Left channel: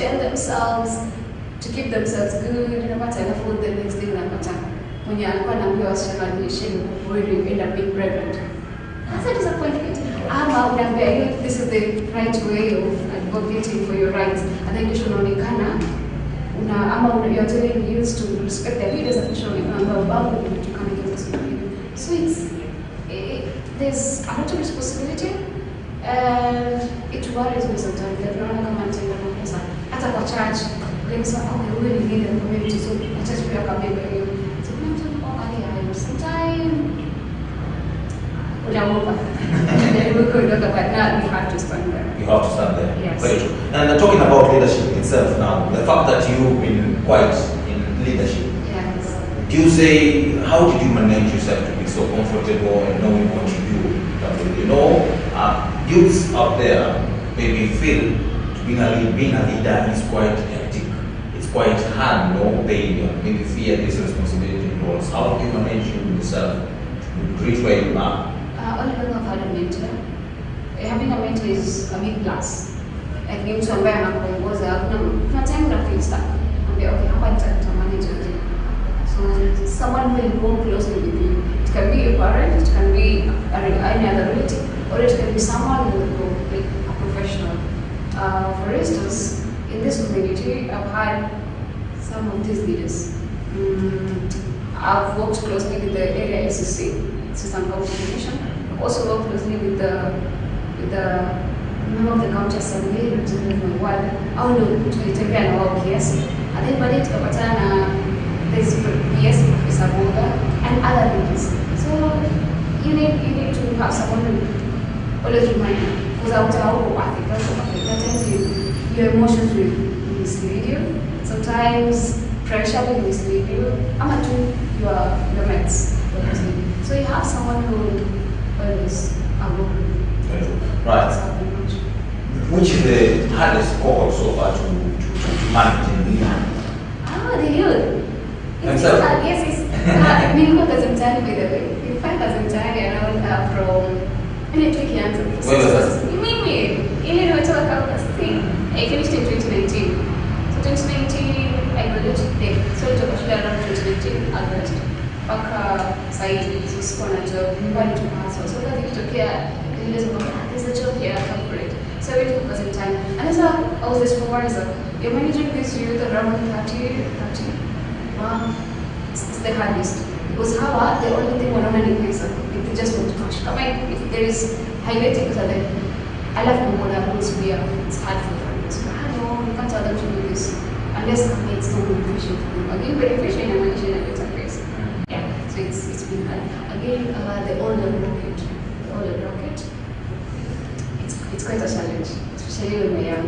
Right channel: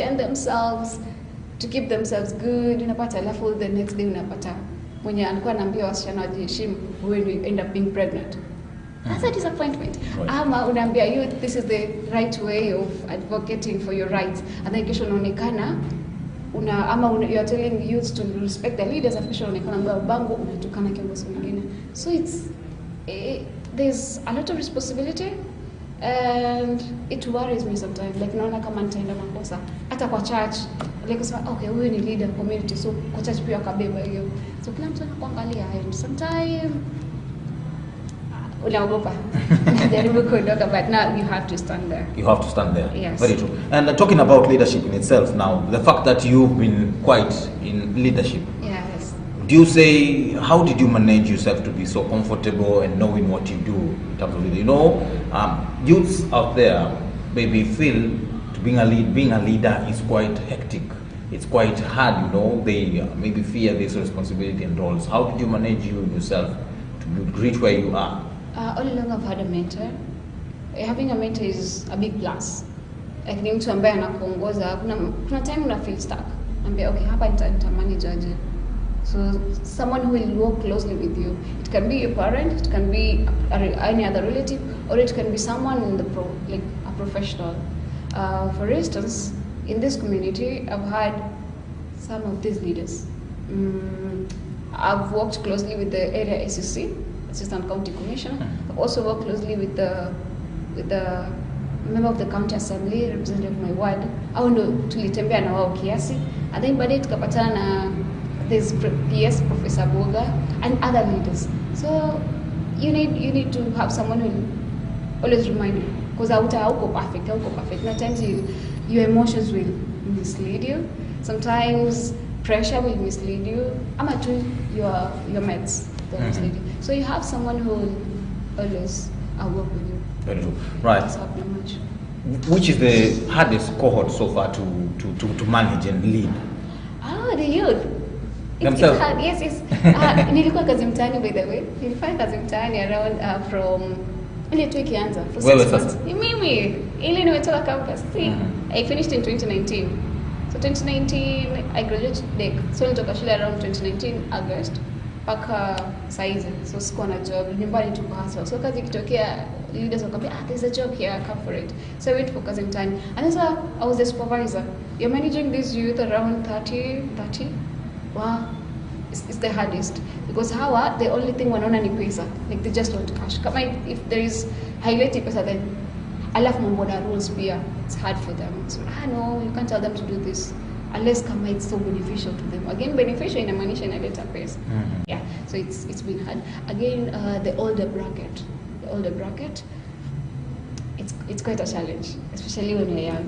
maintain themselves, to keep themselves good. Unapata alafu the next day unapata mwenye alikuwa anaambiwa wasichana wajiheshimu, when you end up being pregnant. That's a disappointment. Ama unaambia you this is the right way of advocating for your rights, and then kisha unaonekana you're telling the youth to respect their leaders officially, so there's a lot of responsibility, and it worries me sometimes. Like naona kama nitaenda makosa hata kwa church, like okay, wewe ni leader community, so church pia kabeba hiyo. So kuna mtu anaangalia hayo sometimes unaogopa. Then we could look, but now you have to stand there. You have to stand there. Yes. Very true. And talking about leadership itself now, the fact that you've been quite in leadership. Yes. Do you say, how did you manage yourself to be so comfortable and knowing what you do? You know, youths out there maybe feel being a leader is quite hectic. It's quite hard, you know, they maybe fear this responsibility and roles. How did you manage yourself to reach where you are? Only I've had a mentor. Having a mentor is a big plus. I think to ambaye anakuongoza kuna time una feel stuck. Okay, hapa nitamanage aje. So someone who will work closely with you. It can be a parent, it can be any other relative, or it can be someone like a professional. For instance, in this community, I've had some of these leaders. I've worked closely with the area SEC, System County Commission. I've also worked closely with the member of the county assembly representing my ward. Au ndo tulitembea na wao kiasi. And then baadaye tukapatana this PS Professor Boga and other leaders. So you need to have someone who always remind you, because I'm perfect. Sometimes your emotions will mislead you. Sometimes pressure will mislead you. I'm your mates. So you have someone who will always work with you. Right. Which is the hardest cohort so far to manage and lead? The youth. Yes. Nilikuwa kazi mtaani, by the way. Nilifanya kazi mtaani around from ile tu ikianza. Ni mimi. Ile nimetoka campus. I finished in 2019. So 2019 I graduated there. So nitoka shule around 2019 August. Mpaka saizi, so sikuwa na job, nyumbani tu hustle. So kazi ikitokea, leaders wakwambia, there's a job here, come for it. So I went for kazi mtaani. And so I was a supervisor. You're managing this youth around 30. Wow, it's the hardest. Because the only thing wanaona ni pesa. Like they just want cash. Come if there is highlighting because then I love no more always be it's hard for them. So no, you can't tell them to do this unless it's not beneficial to them. Again, beneficial in a management at a place. Yeah, so it's been hard. Again, the older bracket, it's quite a challenge, especially when we're young.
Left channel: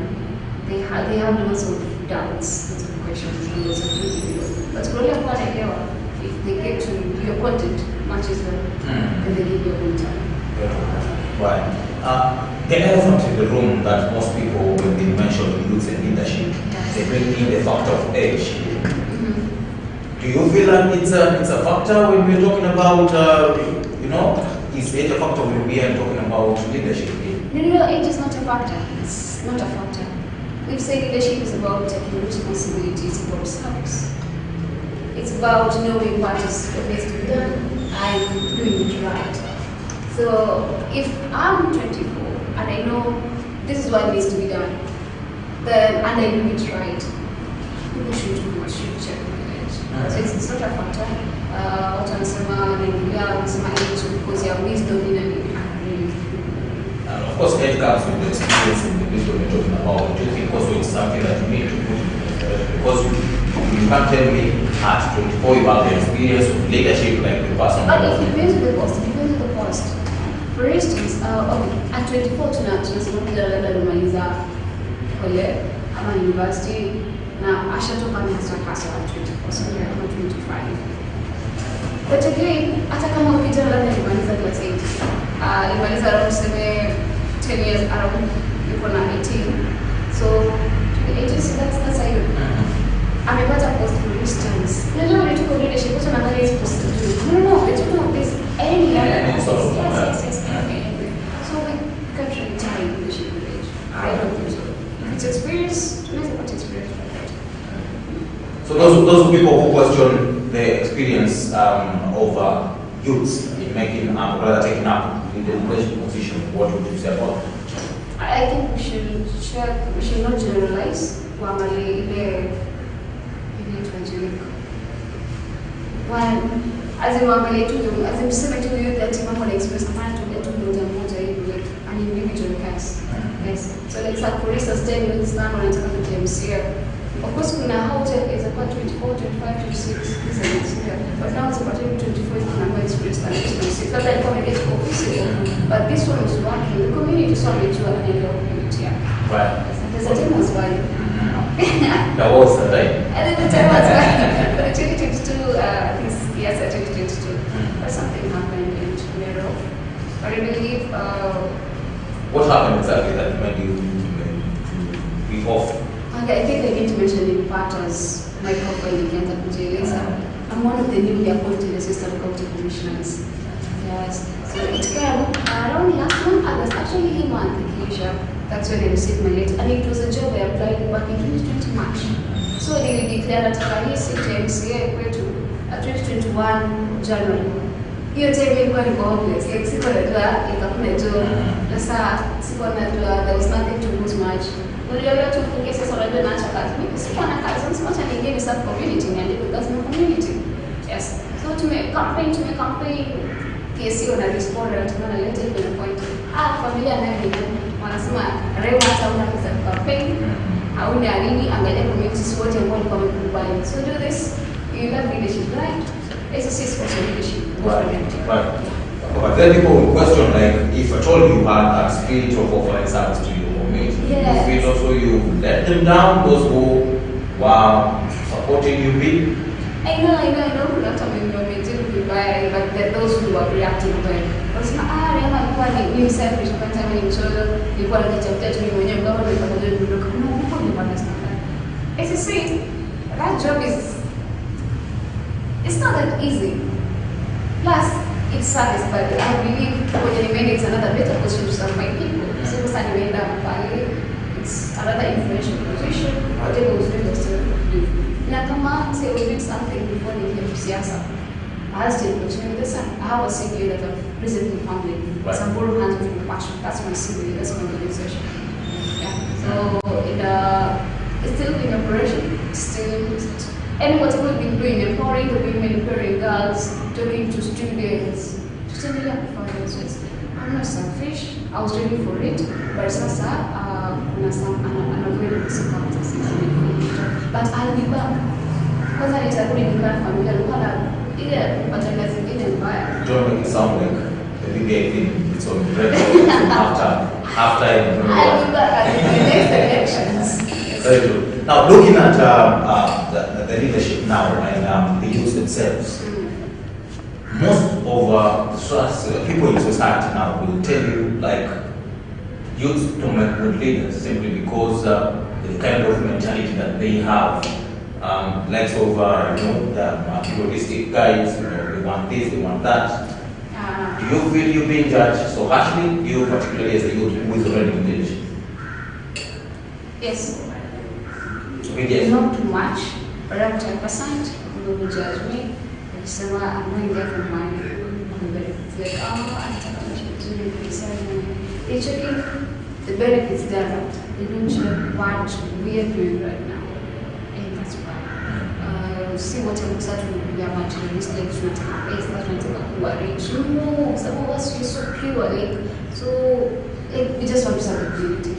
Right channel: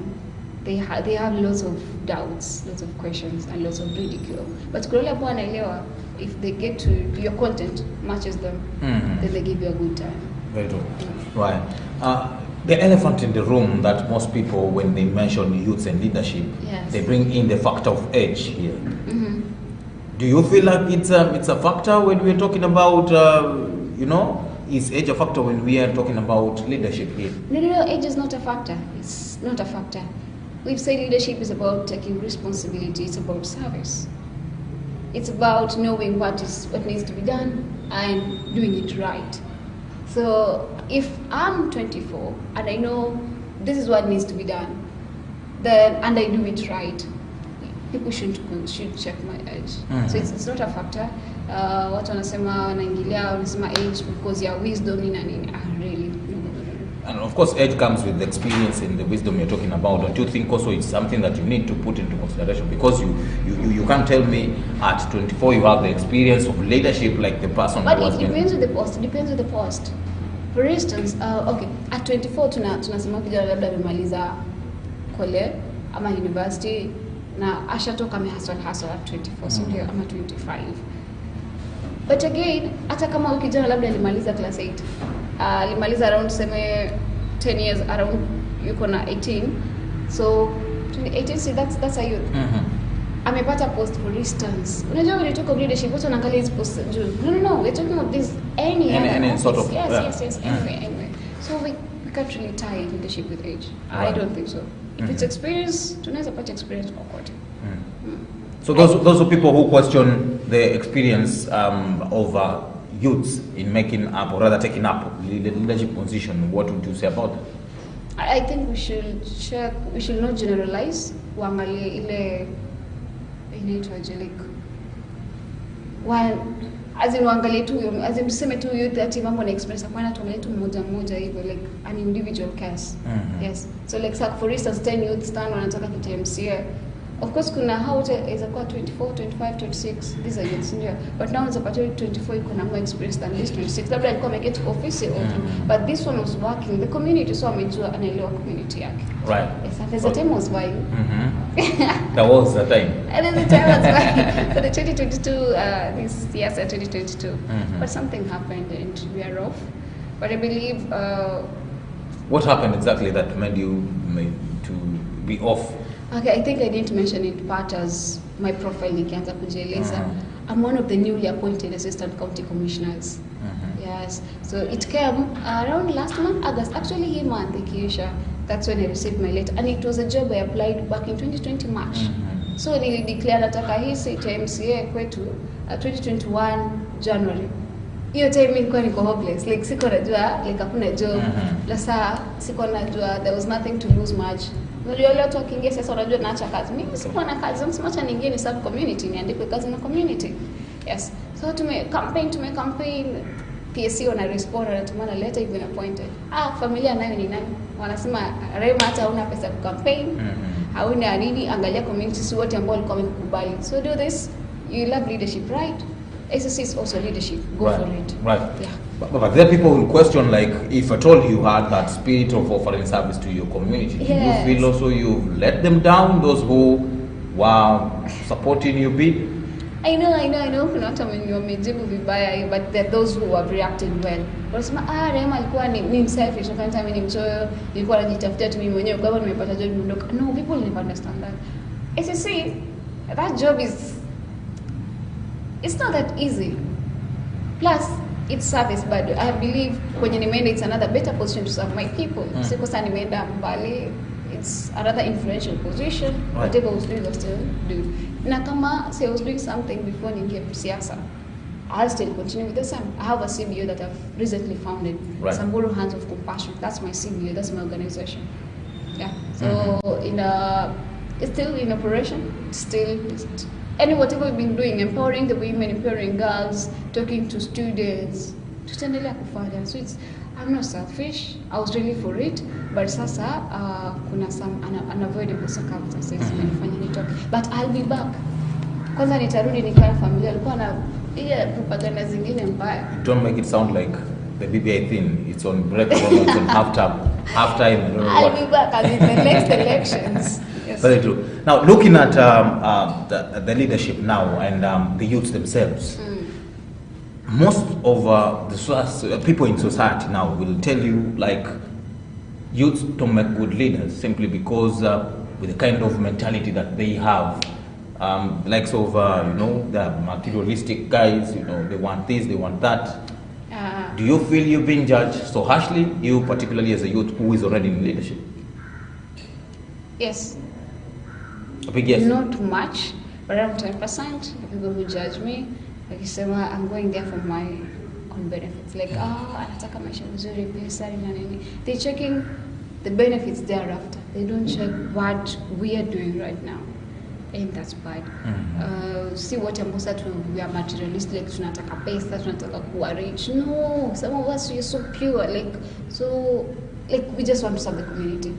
They have lots of doubts, lots of questions, and lots of difficulties. But if they get to your content, matches them, then they give you a good time. Right. The elephant in the room that most people, when they mention youth and leadership, yes, they bring in the factor of age. Do you feel like it's a factor when we're talking about, is age a factor when we are talking about leadership here? No, age is not a factor. It's not a factor. We say leadership is about taking responsibility, it's about service. It's about knowing what needs to be done and doing it right. So if I'm 24 and I know this is what needs to be done, then and I do it right, people should check my age. So it's not a factor. Watu wanasema naingilia wanasema age because ya wisdom in really. And of course, age comes with the experience and the wisdom you're talking about. I do think also it's something that you need to put into consideration, because you can't tell me at 24 you have the experience of leadership like the person. But it depends on the post. It depends on the post. For instance, at 24 tunasema kila labda alimaliza college ama university na ashatoka hustle at 24, so yeah, I'm at 25. But again, hata kama ukijana labda alimaliza class 8, alimaliza around 10 years around, yuko na 18, so 18, so that's a youth. Amepata post for instance. Unajua when you talk of leadership, watu wanaangalia hizi post juu. No, we're talking of this any sort of yes. Anyway. So we can't really tie leadership with age. I don't think so. If it's experience, tunaweza pata experience. So those people who question the experience of youths in making up, or rather taking up the leadership position, what would you say about it? I think we should not generalize. Wamale ile tuanjilika. As in wangalie tu, as in tuseme tu youth ati mambo na experience, hapana tuangalie tu mmoja hivi, like an individual case. Yes. So let's have, for instance, 10 youths stand on anataka KMCA. Of course, kuna how is about 24, 25, 26. These are youths here. But now it's about 24 kuna more experience than 26. That's like coming age for but this one was working. The community saw me to an community. Right. There's a time was why. That was the time. And then the time was why. For the 2022, this year, 2022. But something happened and we're off. But I believe. What happened exactly that made you to be off? Okay, I think I need to mention in part as my profile nikianza kujieleza. I'm one of the newly appointed assistant county commissioners. Yes. So it came around last month, August, actually a month, Kiesha. That's when I received my letter. And it was a job I applied back in 2020 March. So they declared nataka hii seat ya MCA kwetu 2021 January. Hiyo time ilikuwa niko hopeless. Like siko najua hakuna job. Sasa siko najua there was nothing to lose much. Uliona tu kingia sasa unajua naacha kazi. Mimi sikuwa na kazi, msimacha nyingine sub community niandike kazi na community. Yes. So tume campaign KC wana respond na tumana letter even point. Familia nayo ni wanasema REHEMA hata una pesa ya campaign. Hauna nini, angalia community si wote ambao walikuwa wamekubali. So do this, you love leadership, right? SSC is also leadership. Right. But then people will question, like, if at all you had that spirit of offering service to your community, you feel also you let them down, those who were supporting you big? I know, kuna hata mimi wamejibu vibaya, but there are those who are reacting well. Wasema, REHEMA alikuwa ni mimi selfish, kwa time ni mchoyo, nilikuwa najitafutia tu mimi mwenyewe, kwa nimepata job ndogo. No, people never understand that. SSC, that job it's not that easy. Plus, it's service, but I believe when you made it's another better position to serve my people. So it's another influential position. Whatever was doing, I still do. Nakama say I was doing something before they came to Siasa. I'll still continue with the same. I have a CBA that I've recently founded. Right. Samburu Hands with Compassion. That's my CBA. That's my organization. Yeah. So it's still in operation. Still. And what we've been doing, empowering the women, empowering girls, talking to students, to stand up for them. So I'm not selfish. I was ready for it, but sasa kuna some unavoidable circumstances. But I'll be back. Kwanza nitarudi nikiwa na familia, nilikuwa na ile kupata zingine mbaya. Don't make it sound like the BBA thing. It's on record after. I'll be back at the next elections. Very true. Now, looking at the leadership now and the youths themselves, most of the people in society now will tell you, like, youths don't make good leaders simply because the kind of mentality that they have, like the materialistic guys, they want this, they want that. Do you feel you're being judged so harshly, you particularly as a youth who is already in leadership? Yes. Yes. Not too much, but around 10%. People will judge me. Like say, I'm going there for money. It's like, they're checking the benefits there, right? They don't check what we are doing right now. And that's why. See what I'm saying, we are materialistic, tunataka pesa, tunataka kuwa rich. No, some of us are so pure, so we just want something creative.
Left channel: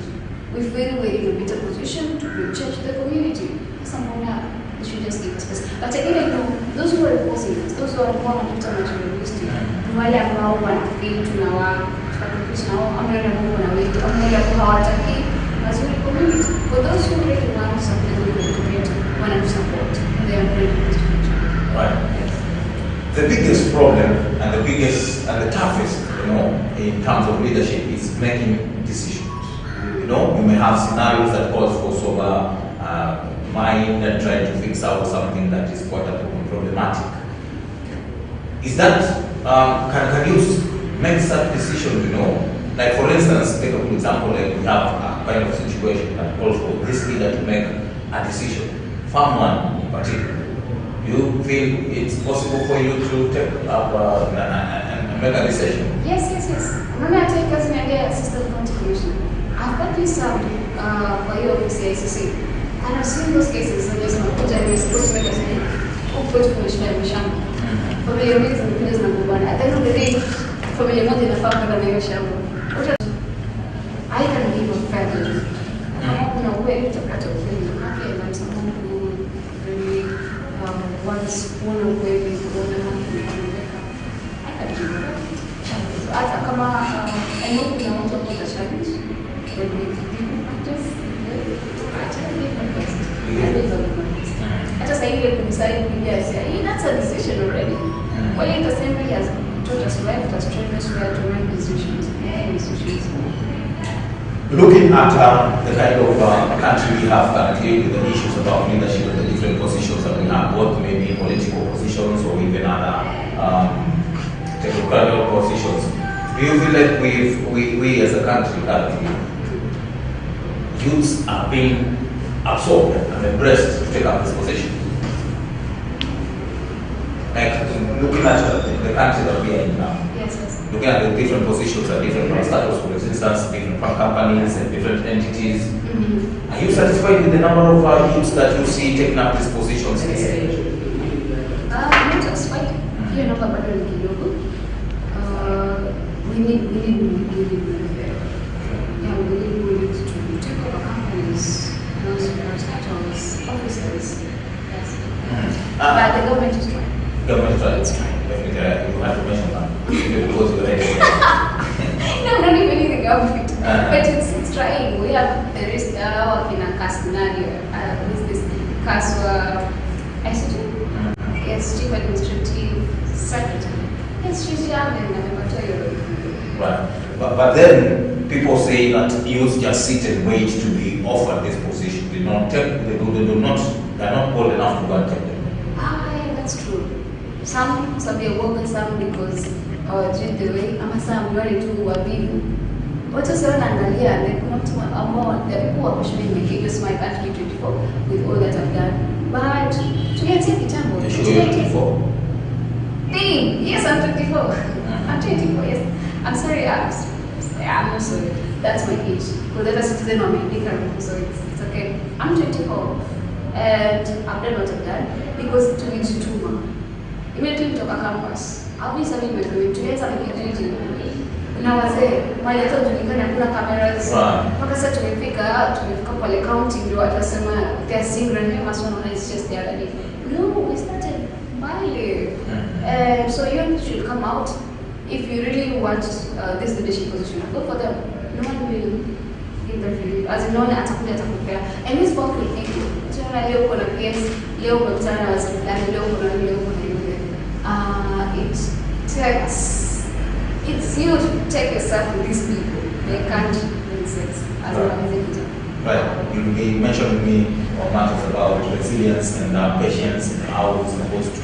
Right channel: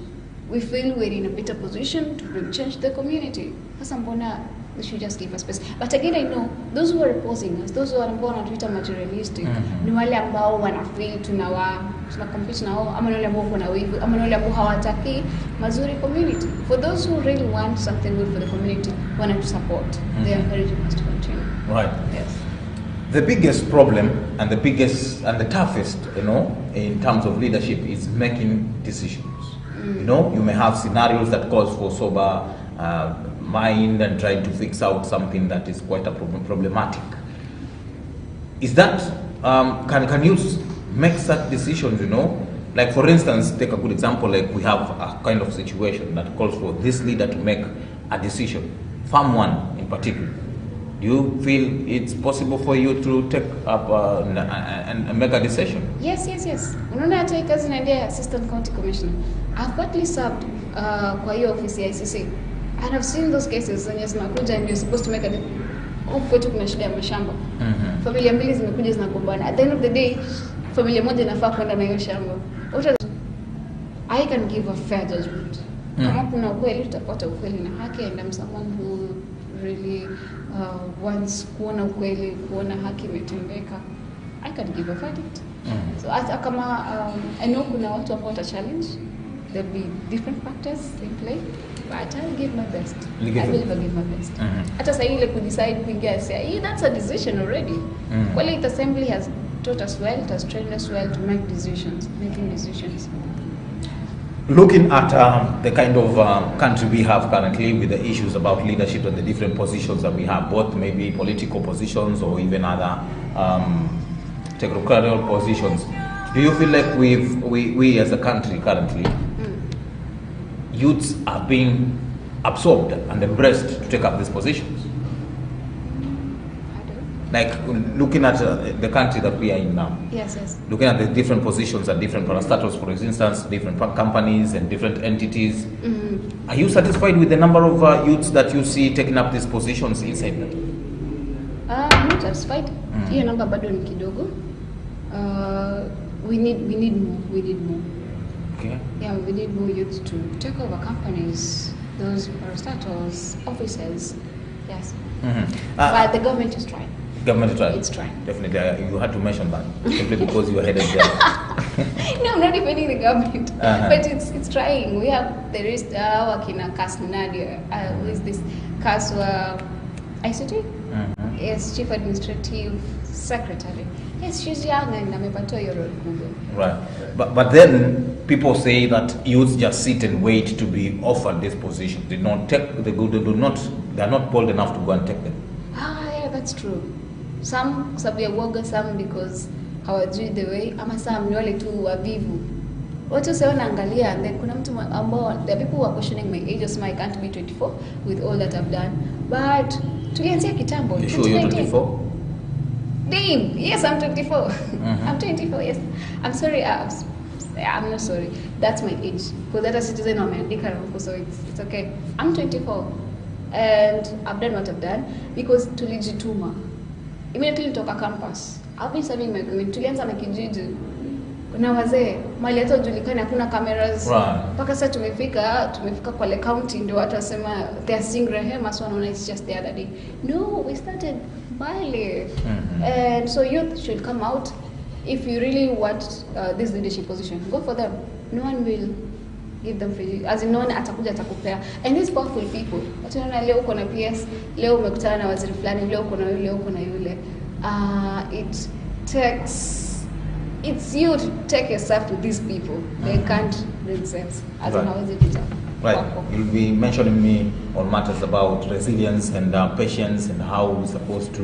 We feel we're in a better position to change the community. They should just give us space. But again, I know those who are opposing us, those who are born and materialistic, ni wale ambao wanafeel tunakompete nao, ama wale ambao wana wetu, ama wale ambao hawataki mazuri community. For those who really want something good for the community, want to support, they are very nice to each other. Right. Yes. The biggest problem and the toughest, in terms of leadership is making decisions. You may have scenarios that calls for sober mind and try to fix out something that is quite problematic. Is that, can you make such decision, Like for instance, take a good example, like we have kind of situation that calls for this leader to make a decision, farm one in particular, do you feel it's possible for you to take up and make a decision? Yes. Unaona hata hii kazi niambia assistant county commissioner. I've got this served kwa hiyo ofisi ya ICC. And I've seen those cases and yes, nakuja and we're supposed to make a decision. Huku kwetu kuna shida ya mashamba. Familia mbili zimekuja zinagombana. At the end of the day, familia moja inafaa kwenda na hiyo shamba. I can give a fair judgment. Kama kuna uwe utapata ukweli na haki na msamaha who really wants kuona ukweli, kuona haki imetendeka. I can give a verdict. So hata kama I know kuna watu ambao watashawish with different factors in play, I try to give my best. I will give my best. Hata saa ile decide kuingia say, that's a decision already. Well, the assembly has taught us well, it has trained us well to make decisions, making decisions. Looking at the kind of country we have currently with the issues about leadership and the different positions that we have, both maybe political positions or even other technocratic positions, do you feel like we as a country currently, youths are being absorbed and embraced to take up these positions? Like looking at the country that we are in now. Yes. Looking at the different positions and different status, for instance, different companies and different entities. Are you satisfied with the number of youths that you see taking up these positions in I'm not satisfied. Hiyo namba bado ni kidogo. We need more. Yeah, we need more youths to take over companies, those status, offices. Yes. But the government is trying. Government trying. It's trying. Definitely, you had to mention that because you were heading there. No, I'm not defending the government, but it's trying. There is Wakina Kasnani, with this Kaswa ICT. Yes, Chief Administrative Secretary. Yes, she's young and I'm about to. Right, but then people say that youths just sit and wait to be offered this position. They don't take. They are not bold enough to go and take them. Yeah, that's true. Some waga, some because hawajui the way, ama some ni wale tu wavivu. Watu sasa wanaangalia, kuna mtu ambao the people who are questioning my age, yes, I can't be 24 with all that I've done. But tulianzia kitambo. You sure you're 24? Yes, I'm 24. I'm 24, yes. I'm sorry, I'm not sorry. That's my age. Because that is citizen of America, so it's okay. I'm 24. And I've done what I've done because tulijituma. Immediately nitoka campus. I've been serving my community. Tulianza na kijiji. Na wazee, mali hata tulikana hakuna cameras. Mpaka sasa tumefika pale county ndio watasema they are seeing REHEMA, so no, it's just the other day. No, we started Bali. And so you should come out if you really want this leadership position. Go for them. No one will give them free. As in, no one atakupea. And these powerful people, wataona leo kuna PS, leo umekutana na wazee fulani, leo kuna yule. It takes, it's you to take yourself with these people. They can't make sense. As an Right. You'll be mentioning me on matters about resilience and patience and how we're supposed to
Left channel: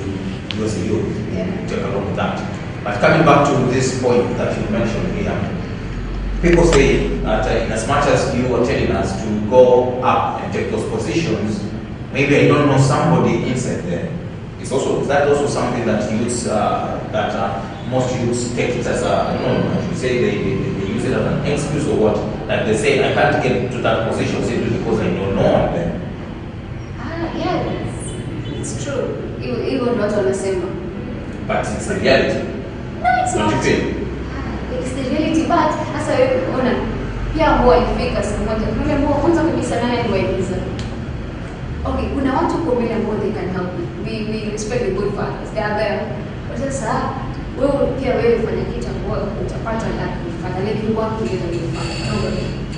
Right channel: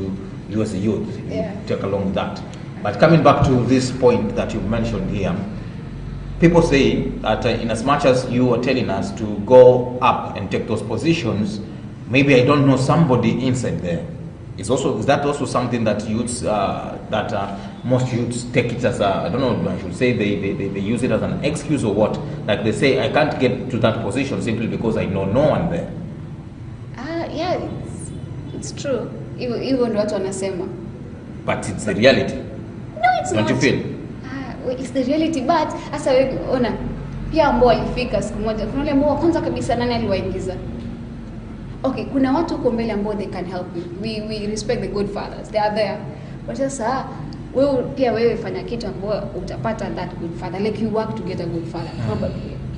do as a youth. Take along with that. But coming back to this point that you mentioned here, people say that in as much as you are telling us to go up and take those positions, maybe I don't know somebody inside there. Is that also something that youths, most youths take it as I don't know, I should say they use it as an excuse or what? Like they say, I can't get to that position simply because I know no one there. Yeah, it's true. Even what wanasema. But it's a reality. No, it's not. Don't you feel? It's the reality, but sasa wewe ona pia ambao walifika siku moja. Kuna ambao kwanza kabisa nani aliwaeleza? Okay, kuna watu kwa mbele ambao they can help. We respect the good fathers. They are there. But sasa wewe pia fanya kitu ambao utapata na kufanya, like you work together with father.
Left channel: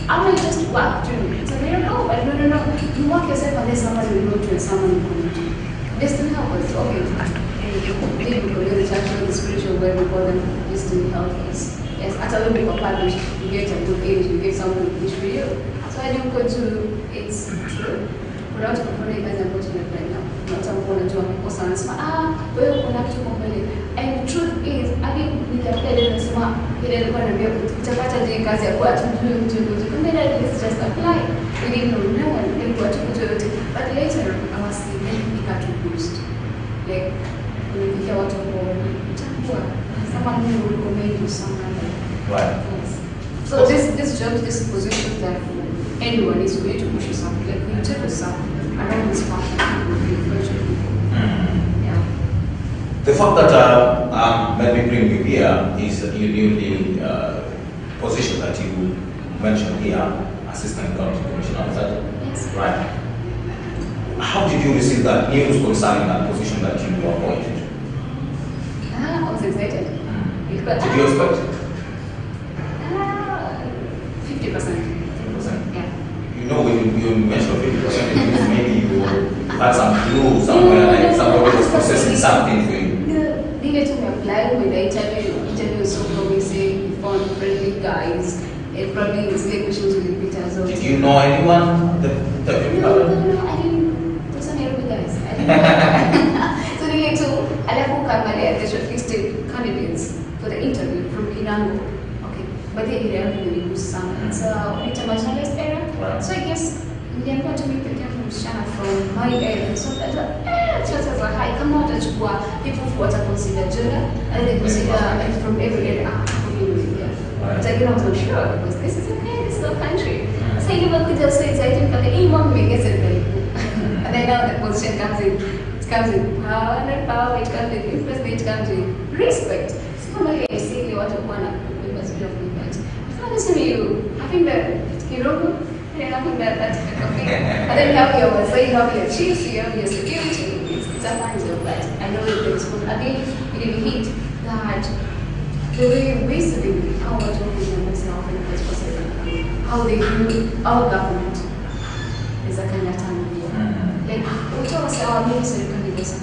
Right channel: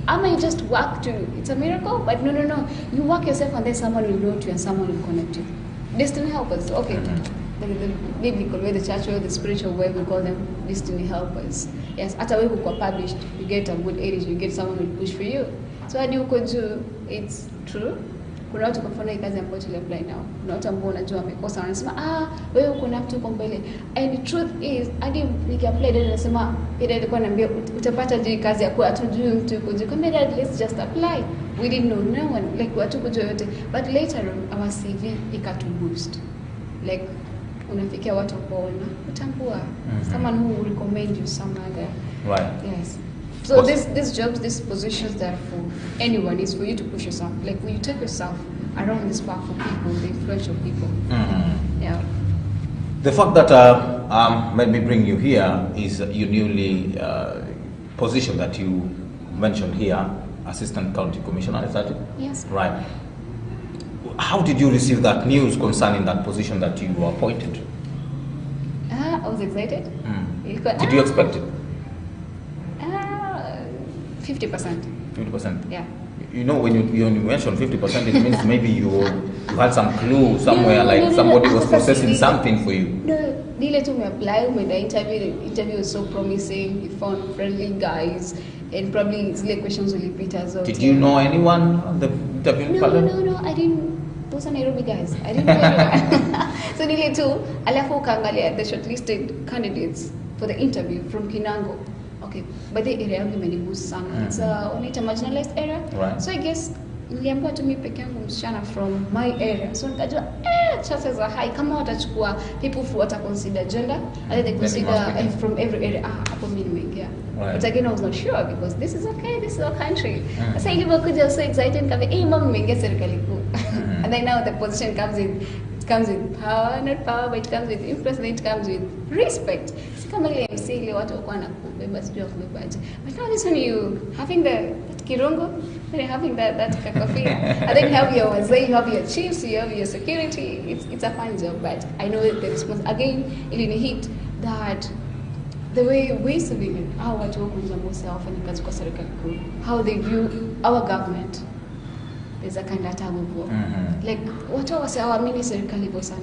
I'm not just work to, it's a miracle, but no. You work yourself and there's someone you know to and someone you connect to. Destiny help us. Okay. Maybe you can the church or the spiritual way we call them destiny help us. Yes, at a little bit of published, you get a good age, you get someone to push for you. So I think go to, it's true. kuna watu kufanya kazi ambayo tunafanya now. Kuna watu ambao wanajua wamekosa wanasema wewe kuna kitu kwa mbele. And the truth is, hadi nikapita ile nasema ile alikuwa ananiambia utapata je kazi ya kwa tujue mtu yuko kumbe let's just apply. We didn't know no one like watu kujua yote. But later our CV ikatu boost. Like unafikia watu kwa utakuwa someone who will recommend you somewhere. Right. Yes. So this job, this position there for anyone is for you to push yourself. Like when you take yourself around this path, you will influential people. Yeah. The fact that when we bring you here is your newly position that you mentioned here, Assistant County Commissioner. Is that yes. Right. How did you receive that news concerning that position that you were appointed? I was excited. Did you expect? 50%. 50%. Yeah. You know, when you mentioned 50%, it means maybe you had some clue somewhere, like somebody was processing something for you. The later we applied with the interview was so promising. We found friendly guys, and probably it's like questions will repeat as well. Did you know anyone that interviewed? No, I didn't. Those are Nairobi guys. I didn't know. So the year two, alafu kaangalia the shortlisted candidates for the interview from Kinango. Okay, but they area only sana. It's only marginalized area. Right. So I guess niliambiwa tu mimi peke yangu msichana from my area. So nikajua chances are high kama watachukua people who wata consider gender and they consider from every area. Yeah. Right. But again, I was not sure because this is okay. This is our country. So I was just so excited. Kama mom gets it very cool. And then now the position comes in. It comes with power, not power. It comes with influence. It comes with respect. So kama ile say watu wana kubeba zile of movement. I found this when you having the kirongo. You're having that type of thing. And then you have your wazee, you have your chiefs, you have your security. It's a fun job, but I know it takes one. Again, it will hit that the way we used to live, how much work we do myself and as possible, how they view our government is a kind of time. Like, what I say, our ministry candidates.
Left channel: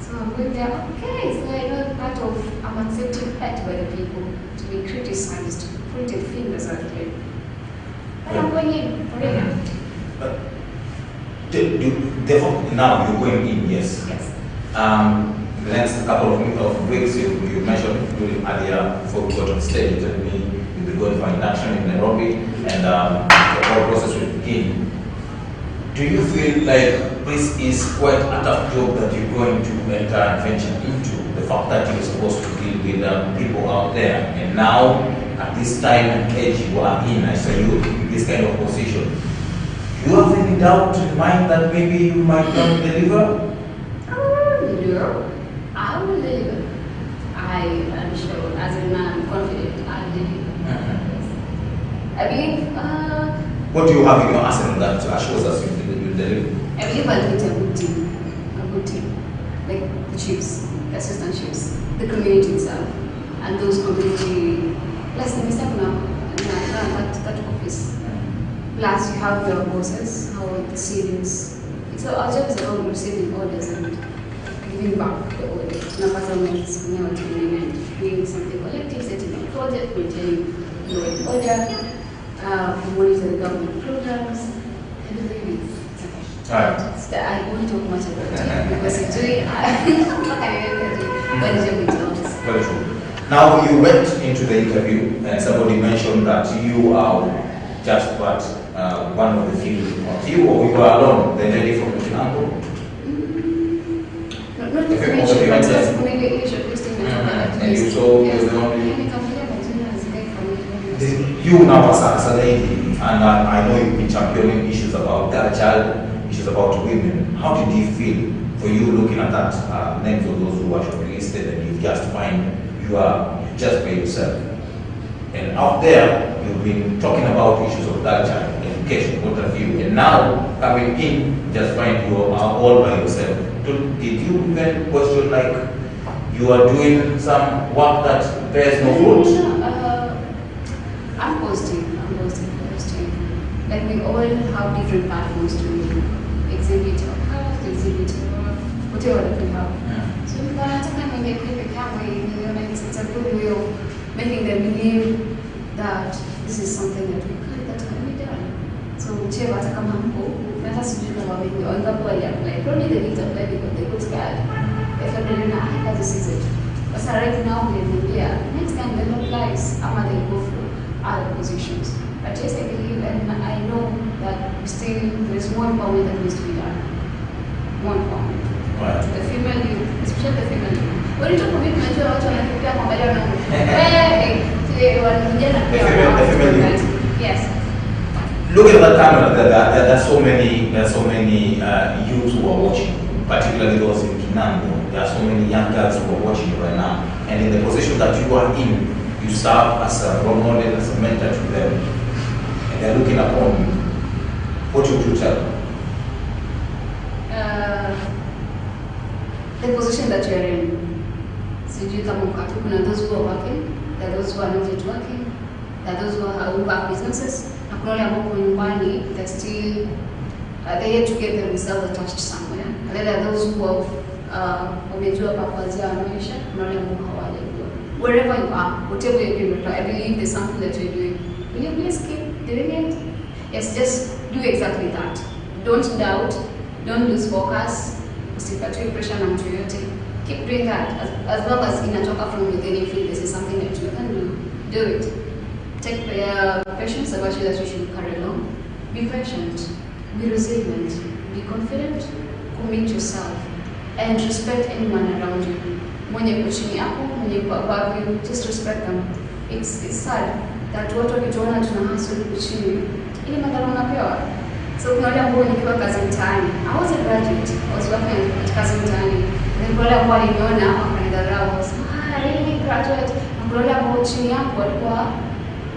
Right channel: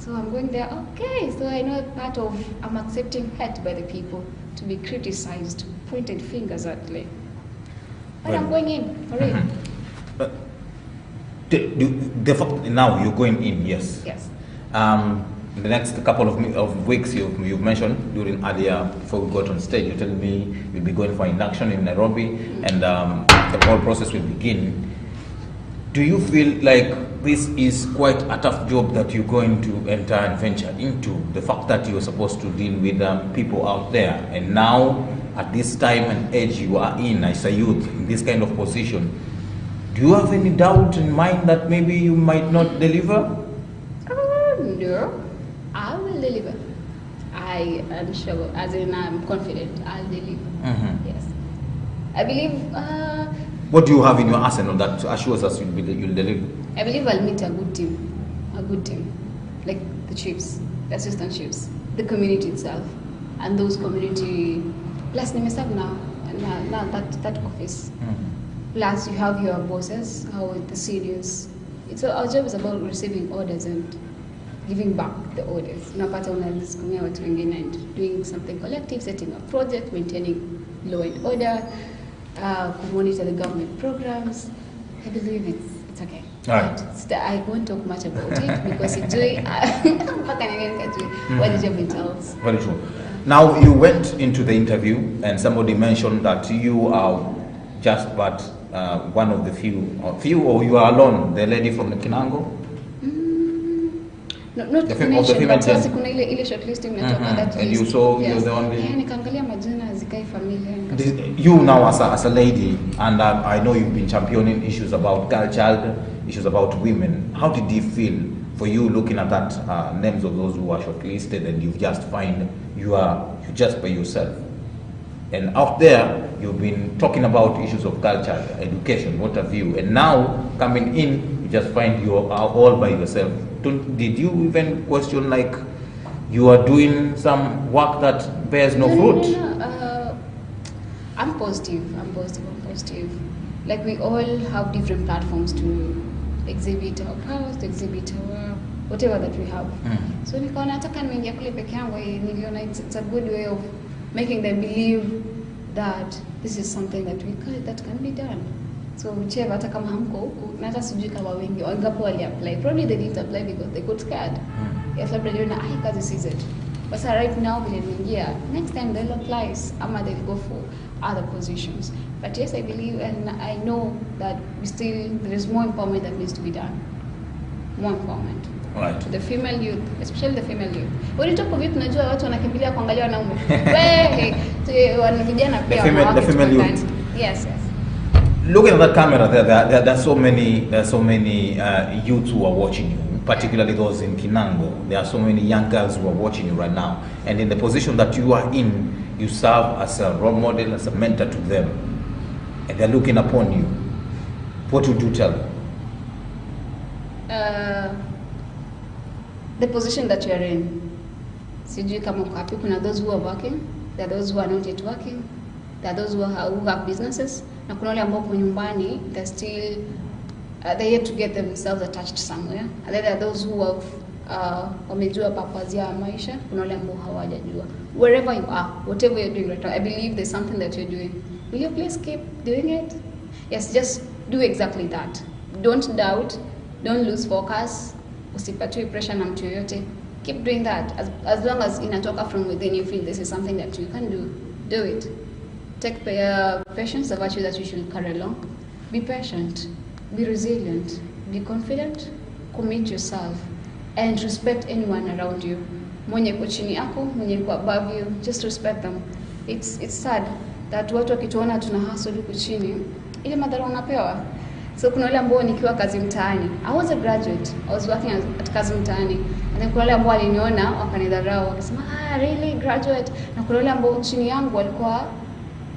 So I'm going there, okay, so I know part of, I'm accepting it by the people to be criticized, pointed fingers at me. But I'm going in for it. But now you're going in, yes. Yes. In the next couple of weeks, you mentioned during earlier before we got on stage, you told me you'll be going for induction in Nairobi, and the whole process will begin. Do you feel like this is quite a tough job that you're going to enter and venture into? The fact that you're supposed to deal with people out there, and now at this time and age you are in as a youth in this kind of position, do you have any doubt in mind that maybe you might not deliver? No, I will deliver. I am sure, as in I'm confident I'll deliver. Yes. I believe. What do you have in your arsenal that assures us you will deliver? I believe I'll meet a good team, like the chiefs, the assistant chiefs, the community itself, and those community. Plus, that office. Plus, you have your bosses, how the civils. So our job is about receiving orders and giving back the orders. Doing something collective, setting a project, maintaining law and order, monitor the government programs. I believe it's okay. All right. I won't talk much about it because it's doing. I'm not going to do what the job entails. Very true. Now you went into the interview and somebody mentioned that you are just but one of the few, or you are alone, the lady from Kinango? Not to mention, but just ile shortlisting and you saw yes. you're the only. Nikamwambia majina hazikae familia. You now as a lady, and I know you've been championing issues about girl, issues about women. How did you feel for you looking at that names of those who are shortlisted and you just find you just by yourself? And out there, you've been talking about issues of culture, education, what have you, and now coming in, you just find you are all by yourself. Did you even question like you are doing some work that bears no fruit? I'm positive. Like we all have different platforms to exhibit our powers, to exhibit our whatever that we have. So if I can get people it's a good way of making them believe that this is something that can be done. So whichever kama hamko, hata sijui kama wengi wangapi wali-apply. Probably they didn't apply because they got scared. If everybody knows, kazi sees it. But so right now, next time they'll apply, they'll go for other positions. But yes, I believe and I know that still there's more empowerment that needs to be done. More empowerment. Right. To the female youth, especially the female youth. When you talk about mental health, wanakimbilia kuangalia na the female youth. Yes. Look at that camera. There are so many youths who are watching, particularly those in Kinango. There are so many young girls who are watching right now, and in the position that you are in, you serve as a role model, as a mentor to them, and they're looking upon you. What would you tell them? The position that you're in. Sijui kama mkatu, kuna those who are working, there are those who are not yet working, there are those who have businesses, na kuna wale ambao kwa nyumbani, they're still, they're yet to get themselves attached somewhere. And then there are those who have, wamejua purpose ya maisha, kuna wale ambao hawajajua. Wherever you are, whatever you're doing, I believe there's something that you're doing. Will you please keep doing it? Yes, just do exactly that. Don't doubt, don't lose focus. Usipatwe pressure na mtu yote. Keep doing that as long as inatoka from within. You feel this is something that you can do it. Take patience, the virtue that you should carry along. Be patient, be resilient, be confident, commit yourself, and respect anyone around you. Mwenye kwa chini yako, mwenye kwa above you, just respect them. It's sad that watu wakituona tuna hustle huku chini, ile madhara unapewa. So kuna wale ambao nikiwa kazi mtaani, I was a graduate, I was working at kazi mtaani, and then wale ambao waliniona wakanidharau, really graduate, na kuna wale ambao chini yangu walikuwa,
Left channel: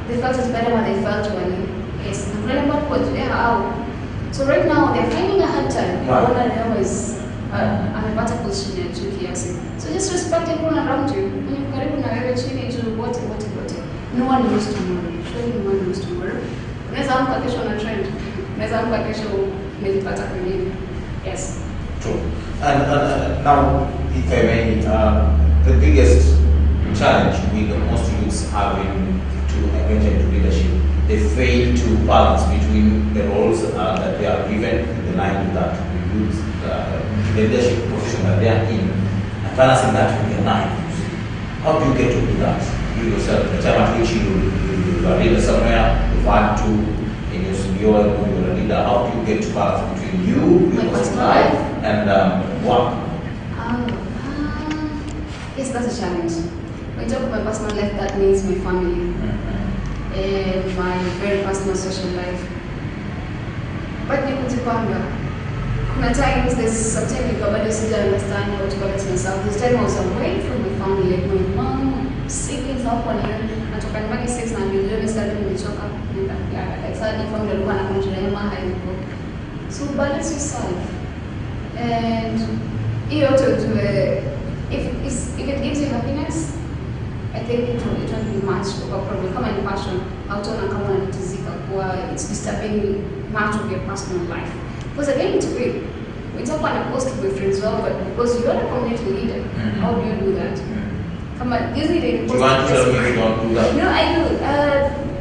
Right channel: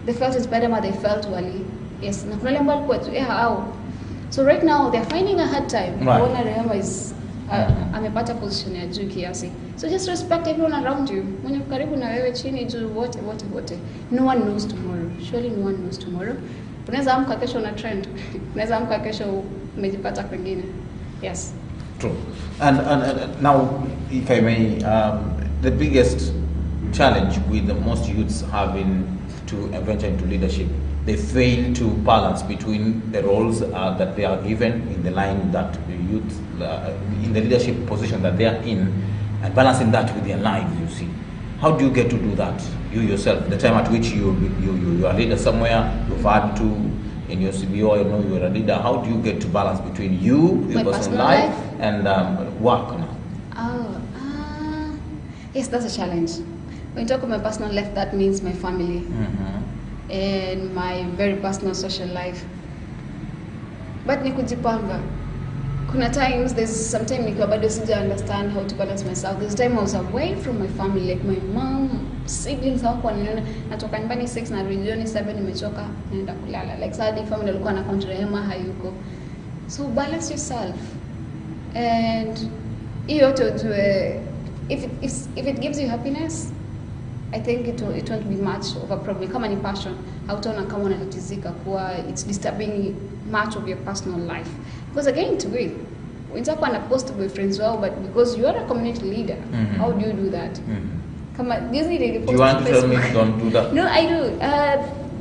they felt it's better but they felt wali, yes, na kuna wale ambao walikuwa hao. So right now they're finding a hard time. Everyone REHEMA is amepata position ya juu kiasi. So just respect everyone around you. Mwenye karibu na wewe chini tu wote. No one knows tomorrow. Surely no one knows tomorrow. Unaweza amka kesho na trend. Unaweza amka kesho umejipata kwingine. Yes. True. And now, if I may, the biggest challenge with most youths having to venture into leadership, they fail to balance between the roles that they are given in the line that the youth, the leadership position that they are in, and balancing that with their life. How do you get to do that? You yourself, the time at which you are a leader somewhere, you've had to, and you're a leader, how do you get to balance between your personal life and work? Yes, that's a challenge. When you talk about my personal life, that means my family and my very personal social life. But nikujipanga. Kuna times, there's something you bado sija understand how to balance myself. There's time I was away from my family, like my mom, siblings hapo natoka nyumbani 6 na milioni 7 nimechoka nilala. Like sadly family walikuwa na REHEMA hayuko. So balance yourself. And hiyo to if it gives you happiness, I think it won't be much of a problem. Kama ni passion, hautaona kama unanitizika kwa it's disturbing much of your personal life. Because again, it's great. We talk about a post boyfriends well, but because you are a community leader, how do you do that? Come on, Disney didn't. Do you want to tell me you don't do that? No, I do.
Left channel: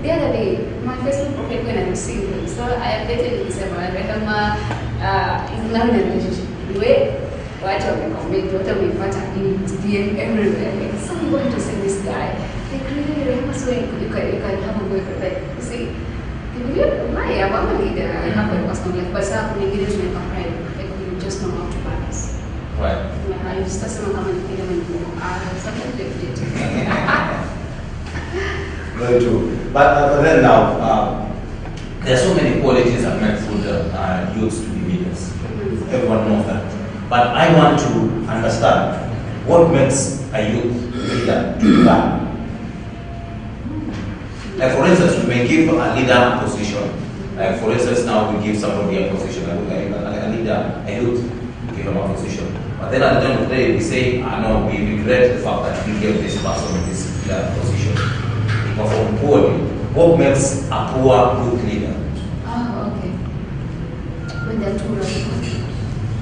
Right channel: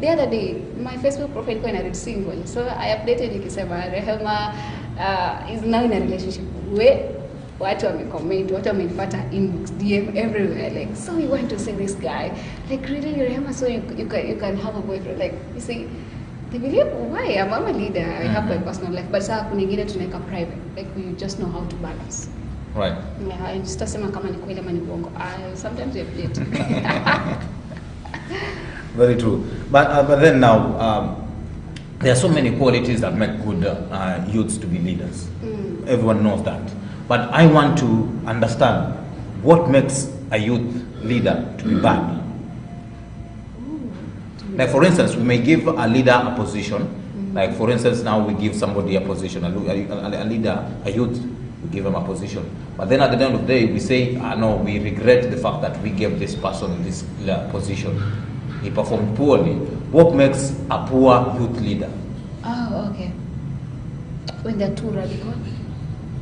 The other day, my Facebook profile when I was single, so I updated it. Said REHEMA is not in a relationship. Wait, watch on the comment, what am I in DM everywhere? Like, so you want to send this guy? Like, really, REHEMA, so you can have a boyfriend? Like, see. Why? I'm a leader. I have my personal life, but saa kuningine tunaweka pride. Like we just know how to balance. Right. I just asema kama ni kweli mimi niko. Sometimes you fit. Very true. But then now, there are so many qualities that make good youths to be leaders. Everyone knows that. But I want to understand what makes a youth leader to be bad. Like for instance, we may give a leader a position. Like for instance, now we give somebody a position, a leader, a youth, we give him a position. But then at the end of the day, we say, no, we regret the fact that we gave this person this position. He performed poorly. What makes a poor youth leader? Oh, okay. When they're too radical.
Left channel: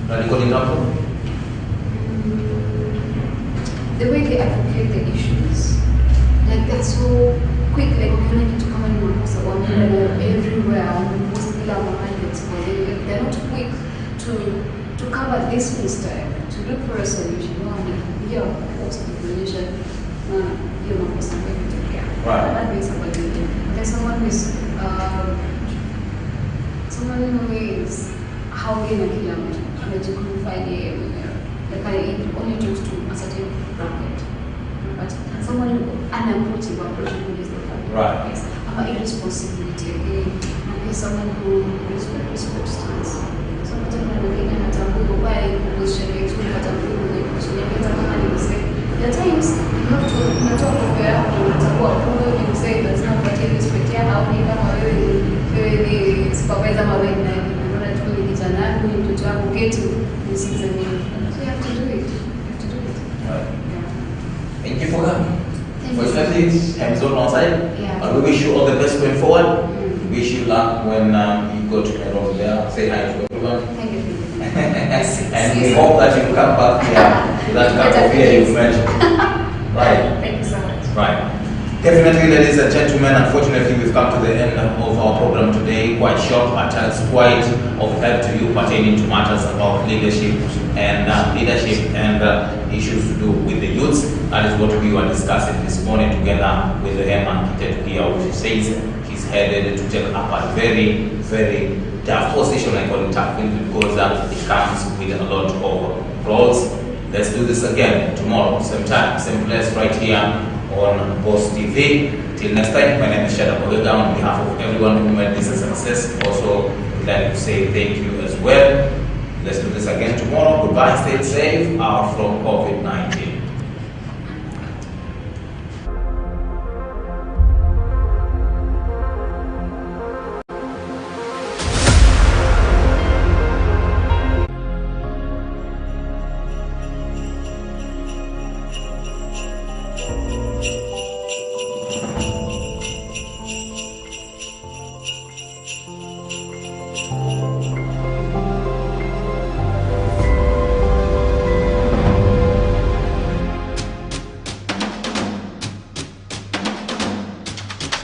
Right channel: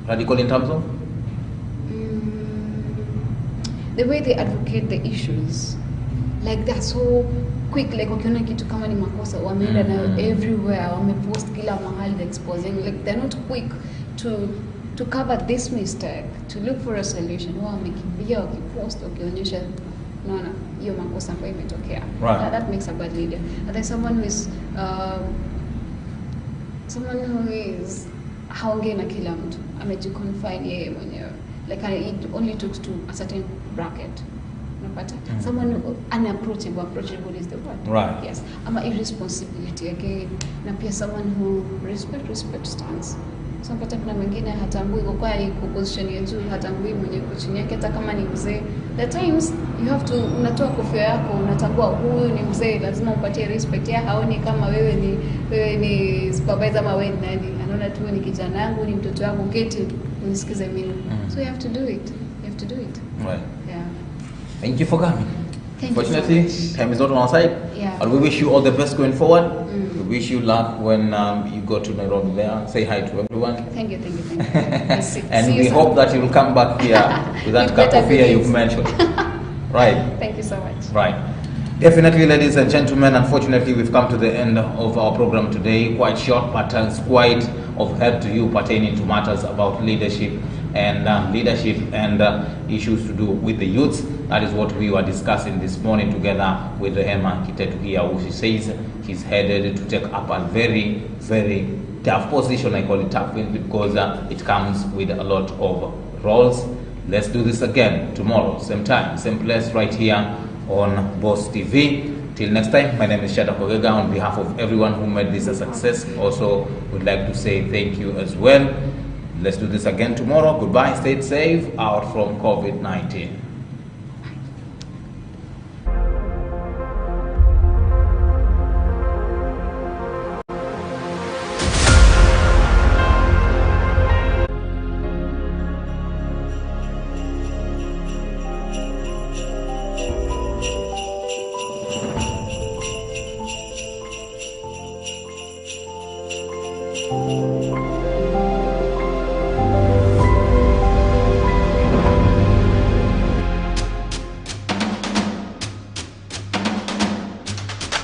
Radical in terms of? The way they advocate the issues. Like that's so quick, like ukiona kitu kama ni makosa wameenda nayo everywhere, wamepost kila mahali exposing. Like they're not quick to to cover this mistake, to look for a solution. Hiyo post information na hiyo makosa ambayo imetokea. That makes somebody live. But there's someone who is haongei na kila mtu, anajikonfine yeye mwenyewe. Like it only talks to a certain bracket. But someone who unapproachable is the point. Right. Yes. Ama irresponsibility again. Na pia someone who respects stance. So kwa sababu mwingine hatambui kwa position ya juu, hatambui kwenye position yake, hata kama ni mzee. At times you have to natoa nguvu yako, unatambua huyu ni mzee, lazima upatie respect yake, au ni kama wewe ni supervisor ama wewe ni unaona tu ni kijana wangu, ni mtoto wangu, keti nisikize mimi. So you have to do it. You have to do it. Well, yeah. Thank you for coming. Fortunately, time is on our side. Yeah. And we wish you all the best going forward. Wish you luck when you go to Nairobi there. Say hi to everyone. Thank you. And we hope that you come back here with that cup of beer you've mentioned. Right. Thank you so much. Right. Definitely, ladies and gentlemen, unfortunately, we've come to the end of our program today. Quite short, but it's quite of help to you pertaining to matters about leadership and issues to do with the youths. That is what we were discussing this morning together with REHEMA KITETO here, which says he's headed to take up a very, very tough position. I call it tough because it comes with a lot of roles. Let's do this again tomorrow, same time, same place, right here on Boss TV. Till next time, my name is Shada Bogega. On behalf of everyone who made this a success, also would like to say thank you as well. Let's do this again tomorrow. Goodbye, stay safe, out from COVID-19.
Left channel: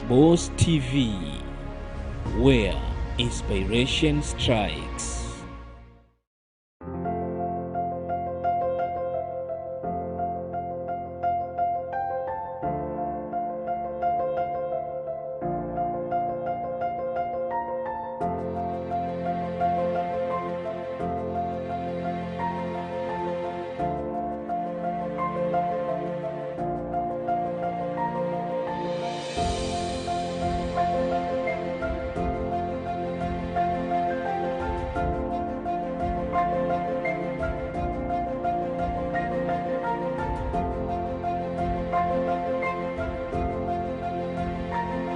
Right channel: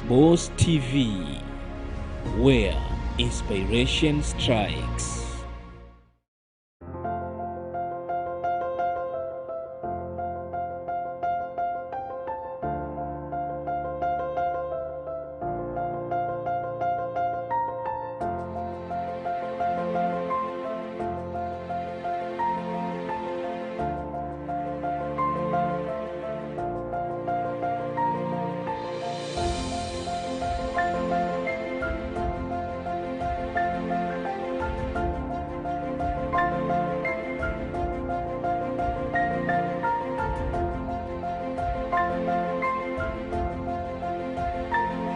Boss TV, where inspiration strikes.